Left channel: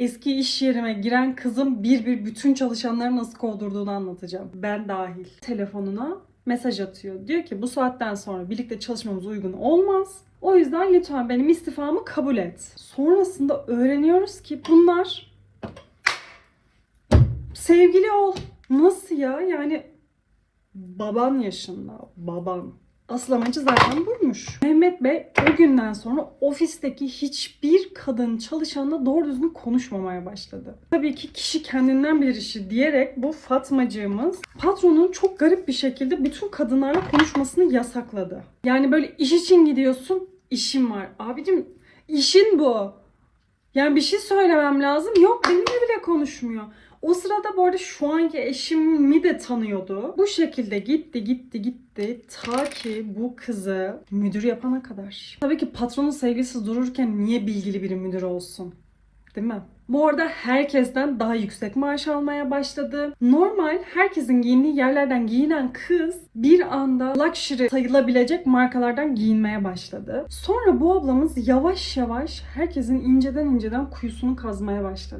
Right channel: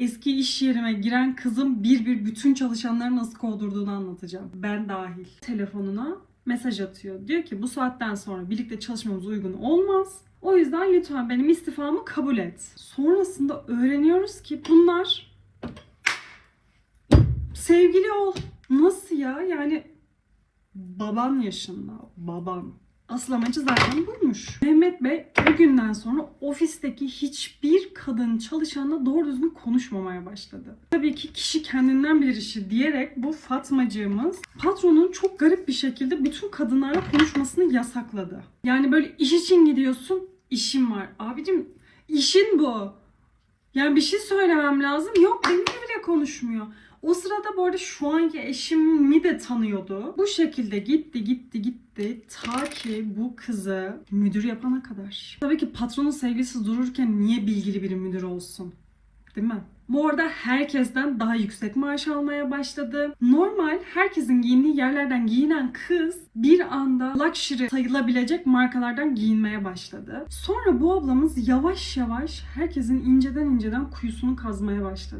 Eski iş yerime giren kızım bir bir bütün çalışanları nasıl kovdurduğunu anlatacağım. Ben dahil. Telefonuna mesaj atıyor. Diyor ki bu saatten sonra birlikte çalışmamız uygun olmaz. O yüzden lütfen benim istifamı kabul et. Sonrasında öğreniyoruz ki bunlar sevgili ol. Nasıl ya? Yani baban yaşında. Baban. Asıl amacı zaten buymuş. Mehmet Bey o günden sonra ofisteki hiçbir kadın çalışanla doğru düzgün konuşmamaya başladı. Tabii ki kişi kendinden bilir işi diyerek bu Fatmacığımız patronun çok garip bir şekilde bütün kadınlarla konuşmasını yasakladı. Yani böyle iş için gidiyorsun, işim var. Abicim işin bu. Yani bir şey söylemem lazım. Yok benimle bile konuşmuyor. O sırada bu arada şu anki eşimi de tanıyordu. Bu şekilde gitti gitti gitti ta ki bu kızı müdür yapana kadar. Tabii ki patronun sevgilisi dururken niye bilgili bir müdür olsun? Değil mi? Bu arada herkesten daha yüksek maaş almaya başladı. Normal herkesin giyindiği yerlerden giyinen kız bir anda luxury sayılabilecek markalardan giyinmeye başladı. Sonra bu ablamız yavaş yavaş herkesin inceden inceden kuyusunu kazmaya başladı.